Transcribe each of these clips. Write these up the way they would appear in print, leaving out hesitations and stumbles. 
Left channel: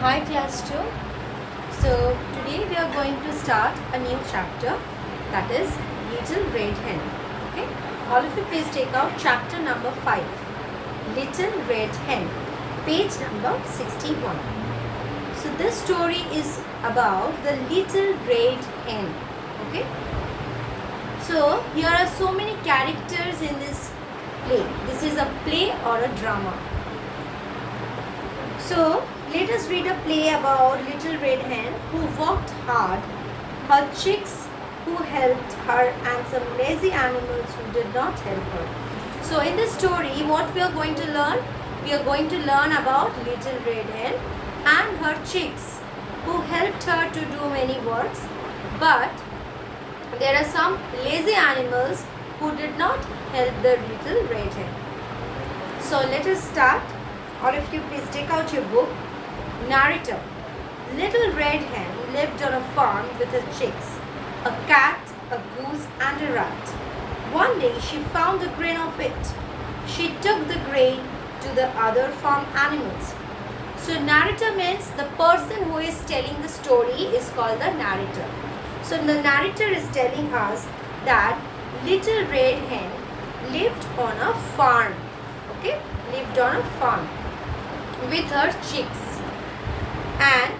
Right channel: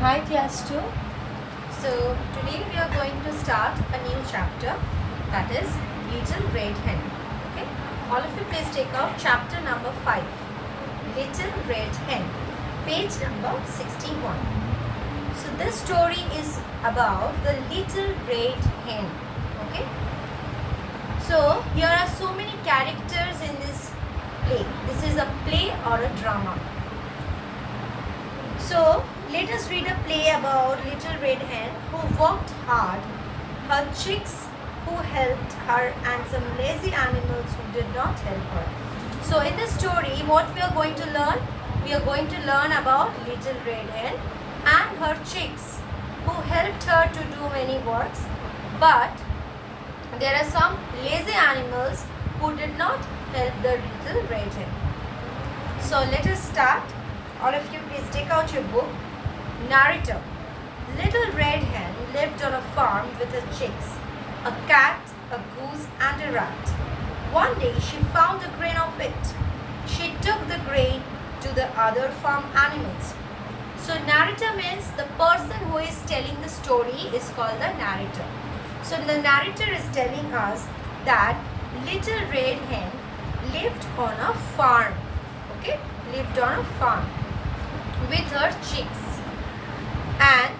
Hi class 2. So today we are going to start a new chapter, that is Little Red Hen. Okay. All of you please take out chapter number 5. Little Red Hen. Page number 61. So this story is about the Little Red Hen. Okay. So here are so many characters in this play. This is a play or a drama. So let us read a play about Little Red Hen who worked hard, her chicks who helped her, and some lazy animals who did not help her. So in this story, what we are going to learn? We are going to learn about Little Red Hen and her chicks who helped her to do many works, but there are some lazy animals who did not help the Little Red Hen. So let us start. All of you please take out your book. Narrator. Little Red Hen lived on a farm with her chicks, a cat, a goose and a rat. One day she found a grain of wheat. She took the grain to the other farm animals. So narrator means the person who is telling the story is called the narrator. So the narrator is telling us that Little Red Hen lived on a farm. Okay, lived on a farm with her chicks and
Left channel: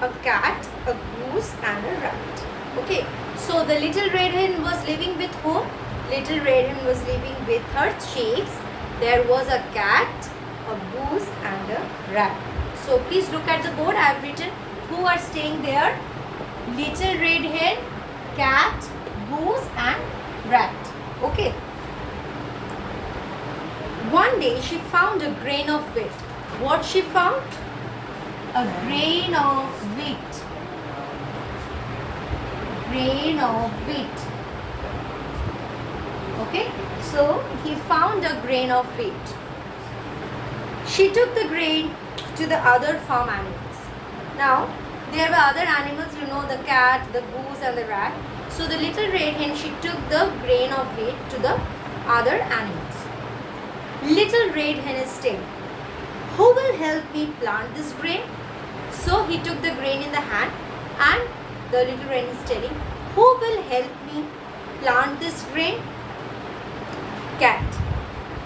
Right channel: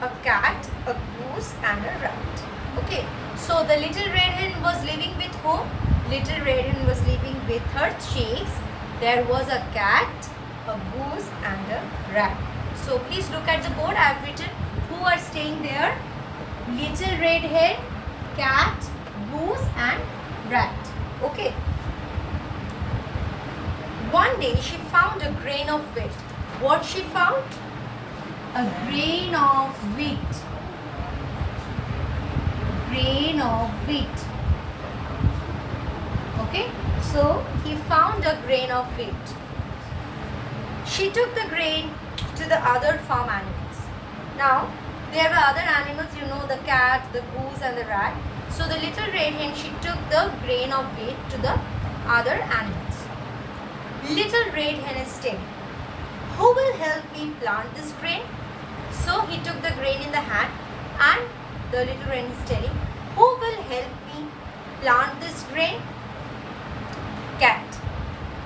a cat, a goose and a rat. Okay, so the Little Red Hen was living with whom? Little Red Hen was living with her chicks. There was a cat, a goose and a rat. So please look at the board. I have written who are staying there. Little Red Hen, cat, goose and rat. Okay. One day she found a grain of wheat. What she found? A grain of wheat. Grain of wheat. Okay. So he found a grain of wheat. She took the grain to the other farm animals. Now there were other animals, you know, the cat, the goose and the rat. So the Little Red Hen, she took the grain of wheat to the other animals. Little Red Hen is saying, who will help me plant this grain? So he took the grain in the hand and the Little Red Hen is telling, who will help me plant this grain? Cat.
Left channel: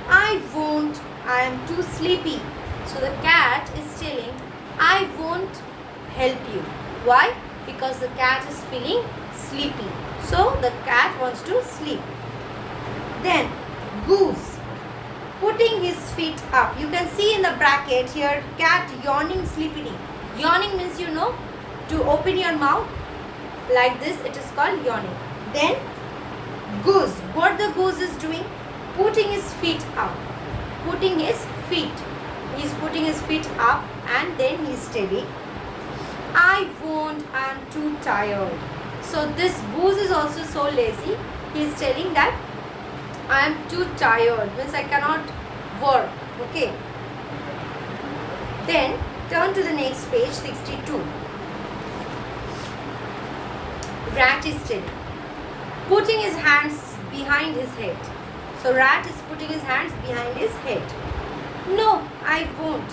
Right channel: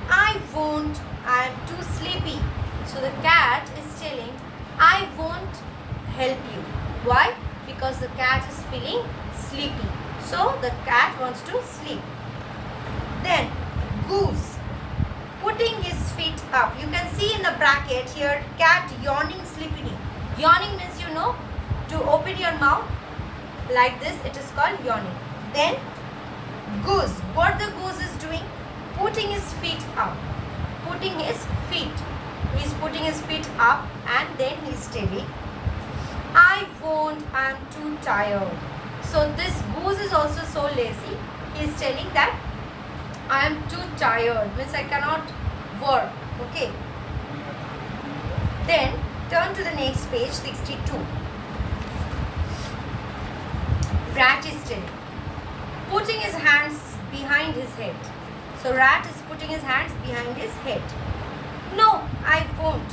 I won't, I am too sleepy. So the cat is telling, I won't help you. Why? Because the cat is feeling sleepy. So the cat wants to sleep. Then goose, putting his feet up. You can see in the bracket here, cat yawning sleepily. Yawning means, you know, to open your mouth like this, it is called yawning. Then goose, what the goose is doing? Putting his feet up. Putting his feet. He is putting his feet up and then he is telling, I won't, I am too tired. So this goose is also so lazy. He is telling that I am too tired, means I cannot work. Okay. Then turn to the next page, 62. Rat is telling, putting his hands behind his head. So rat is putting his hands behind his head. No, I won't.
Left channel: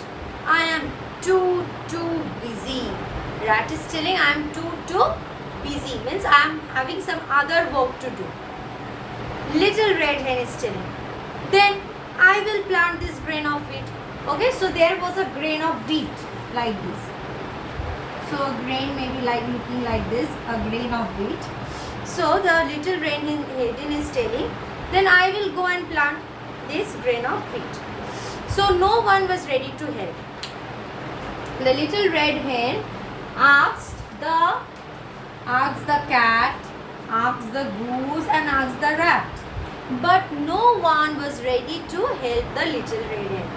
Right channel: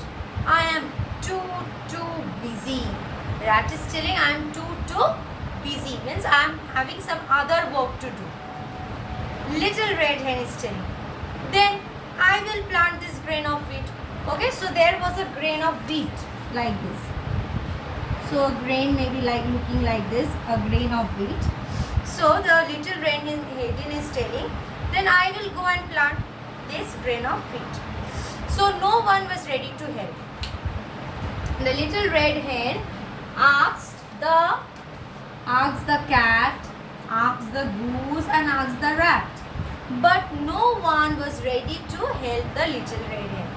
I am too busy. Rat is telling I am too busy, means I am having some other work to do. Little Red Hen is telling, then I will plant this grain of wheat. Okay, so there was a grain of wheat like this. So a grain may be like looking like this, a grain of wheat. So the Little Red Hen is telling, then I will go and plant this grain of wheat. So no one was ready to help. The Little Red Hen asked the cat, asked the goose and asked the rat. But no one was ready to help the Little Red Hen.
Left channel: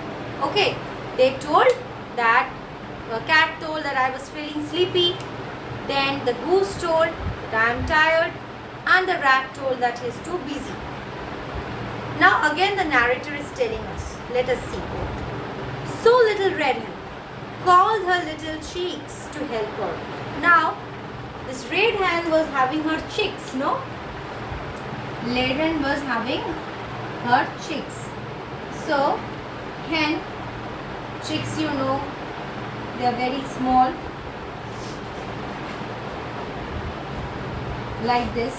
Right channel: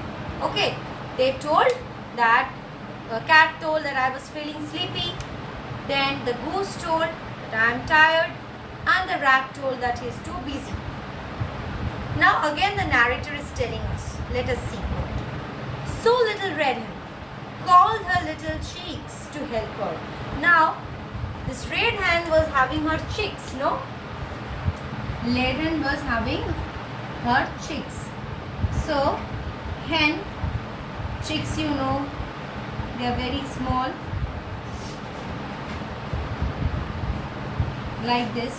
Okay, they told that, the cat told that I was feeling sleepy. Then the goose told that I am tired. And the rat told that he is too busy. Now again the narrator is telling us. Let us see. So Little Red Hen called her little chicks to help her. Now this Red Hen was having her chicks, no? Red Hen was having her chicks. So hen, chicks, you know, They are very small, like this.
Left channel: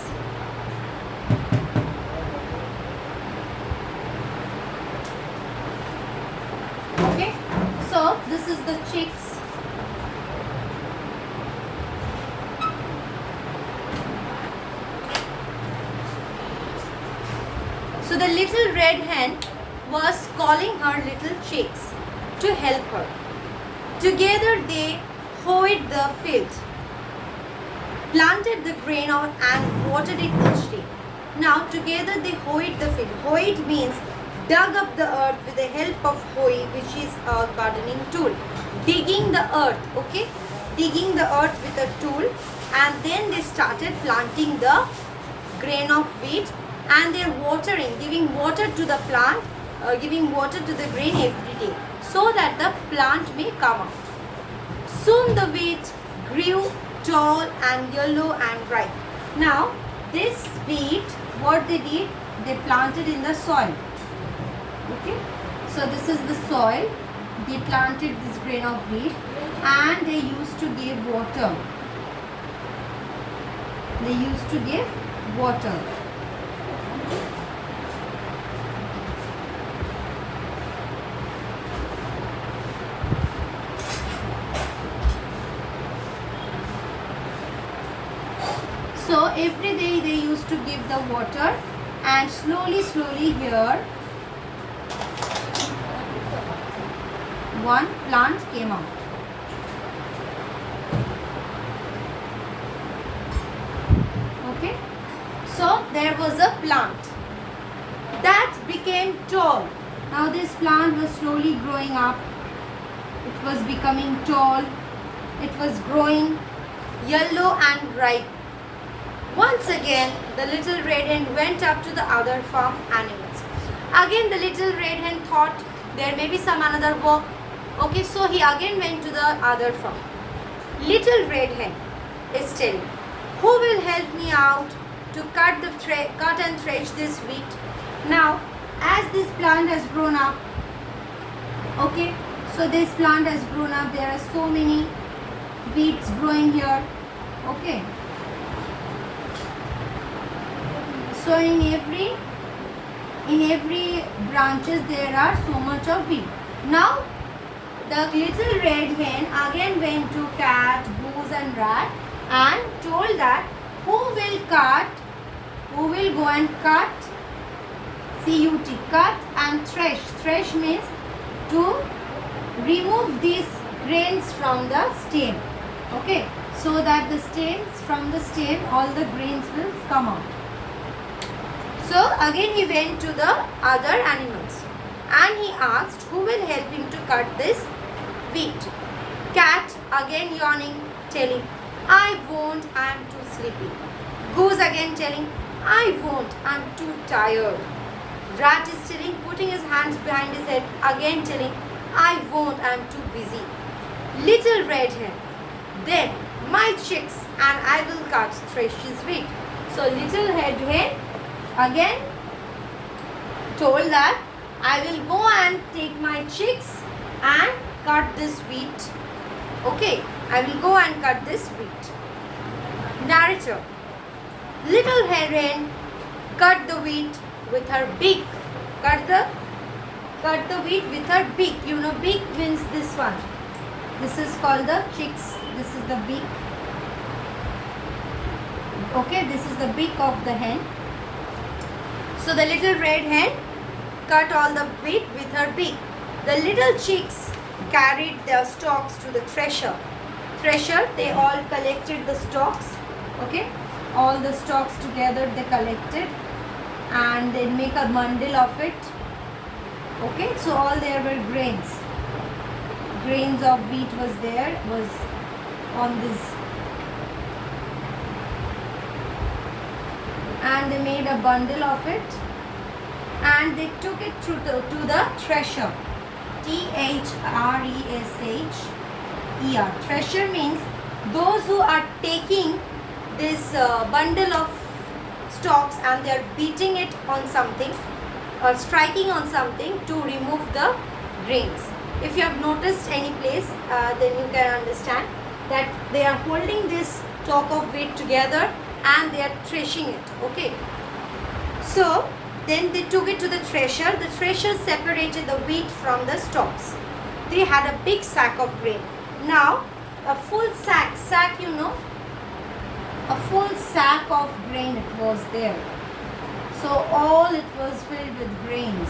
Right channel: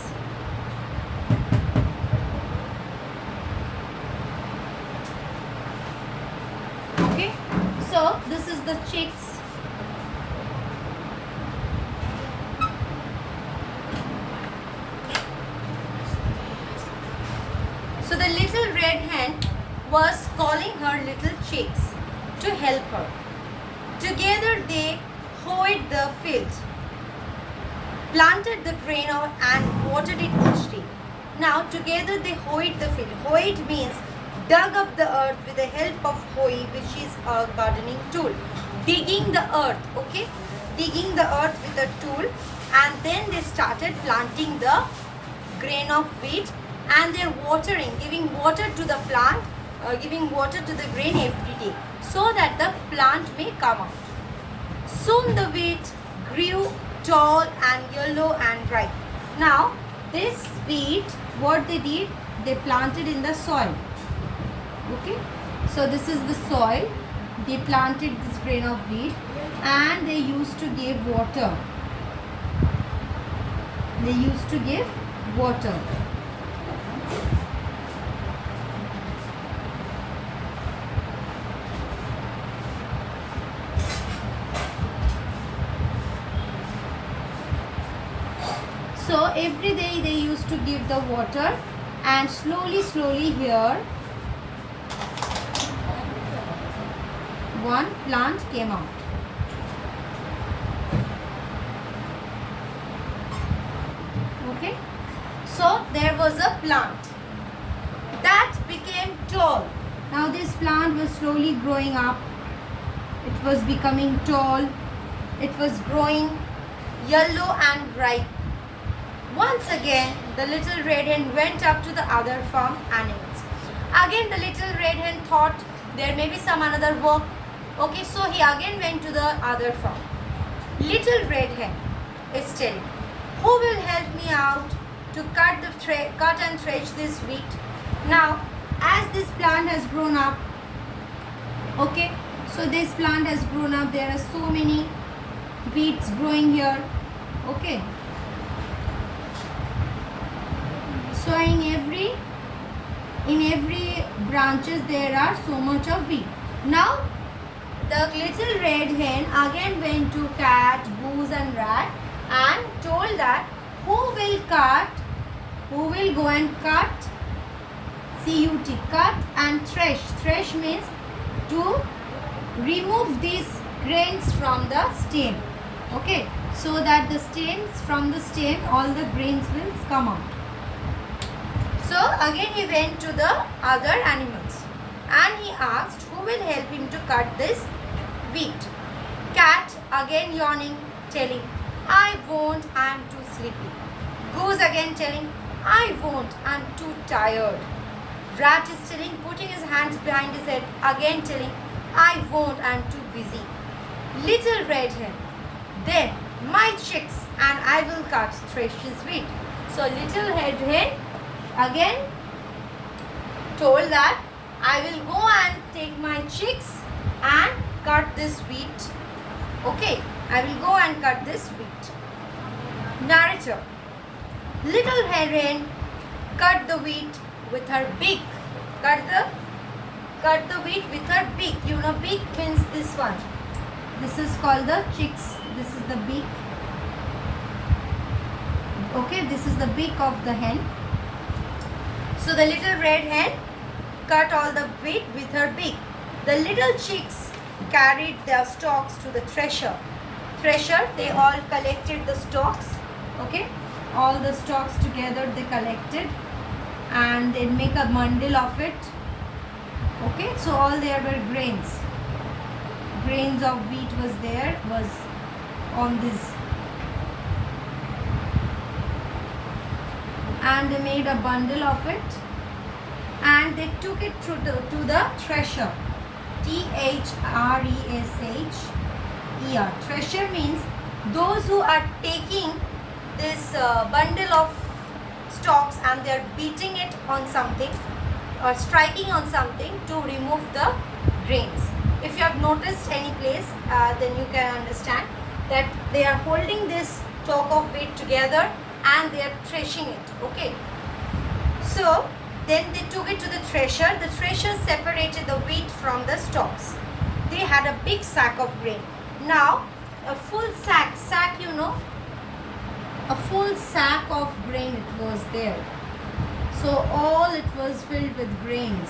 Okay, so this is the chicks. So the little red hen was calling her little chicks to help her. Together they hoed the field, planted the grain and watered it each day. Now together they hoed the field. Hoed means dug up the earth with the help of hoe, which is a gardening tool. Digging the earth, okay? Digging the earth with a tool, and then they started planting the grain of wheat, and they're watering, giving water to the plant, giving water to the grain every day, so that the plant may come up. Soon the wheat grew tall and yellow and ripe. Now this wheat, what they did, they planted in the soil. Okay, so this is the soil. They planted this grain of wheat, and they used to give water. They used to give water. So every day they used to give the water, and slowly here one plant came out. Okay, so there was a plant that became tall. Now this plant was slowly growing up. It was becoming tall. It was growing yellow and ripe. Once again, the little red hen went up to the other farm animals. Again, the little red hen thought there may be some another work. Okay, so he again went to the other farm. Little red hen is telling, who will help me out to cut and thresh this wheat? Now, as this plant has grown up, okay, so this plant has grown up. There are so many wheats growing here. Okay. So in every branches there are so much of wheat. Now the little red hen again went to cat, goose and rat and told that who will go and cut, C-U-T, cut and thresh. Thresh means to remove these grains from the stem. Okay, so that the stems, from the stem all the grains will come out. So again he went to the other animals and he asked who will help him to cut this wheat. Cat again yawning, telling, I won't, I am too sleepy. Goose again telling, I won't, I am too tired. Rat is telling, putting his hands behind his head, again telling, I won't, I am too busy. Little red hen, then my chicks and I will cut thresh his wheat. So little red hen again told that I will go and take my chicks and cut this wheat. Okay, I will go and cut this wheat. Narrator. Little hen cut the wheat with her beak. Cut the wheat with her beak. You know beak means this one. This is called the chicks. This is the beak. Okay, this is the beak of the hen. So the little red hen cut all the wheat with her beak. The little chicks carried their stalks to the thresher. They all collected the stalks. Okay, all the stalks together they collected and they make a bundle of it. Okay, so all there were grains. Grains of wheat was on this. And they made a bundle of it and they took it to the thresher. T-H-R-E-S-H-E-R. Thresher means those who are taking this bundle of stalks and they are beating it on something or striking on something to remove the grains. If you have noticed any place, then you can understand that they are holding this stalk of wheat together and they are threshing it. Okay. So then they took it to the thresher. The thresher separated the wheat from the stalks. They had a big sack of grain. Now a full sack, you know, a full sack of grain it was there. So all it was filled with grains.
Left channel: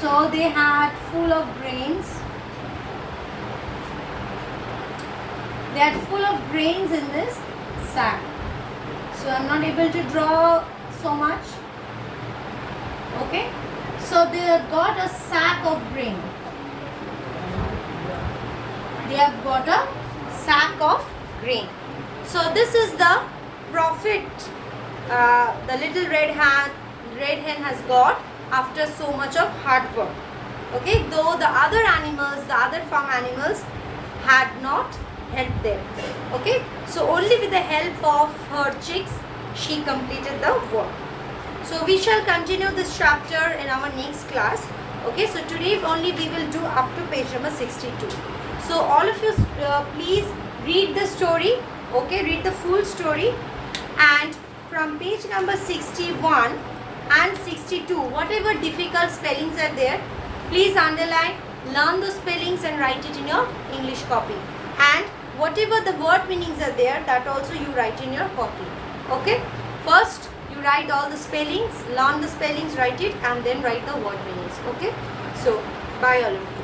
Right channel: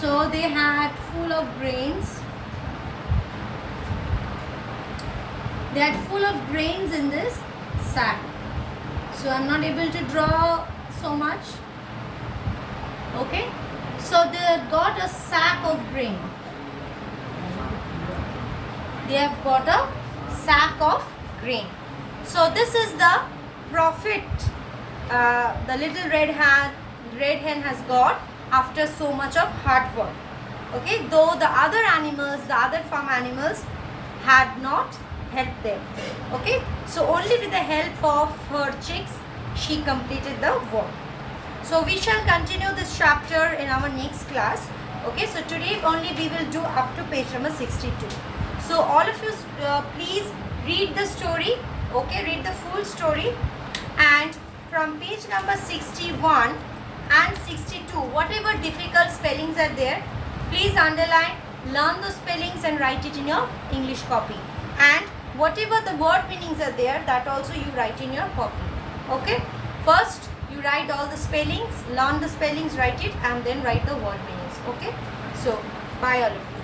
So they had full of grains. They had full of grains in this sack. So I'm not able to draw so much. Okay. So they got a sack of grain. They have got a sack of grain. So this is the profit the little red hen has got after so much of hard work. Okay, though the other animals, the other farm animals had not helped them. Okay, so only with the help of her chicks she completed the work. So we shall continue this chapter in our next class. Okay, so today only we will do up to page number 62. So all of you please read the story. Okay, read the full story, and from page number 61 and 62, whatever difficult spellings are there, please underline, learn those spellings and write it in your English copy. And whatever the word meanings are there, that also you write in your copy. Okay, first you write all the spellings, learn the spellings, write it, and then write the word meanings. Okay, so bye all of you.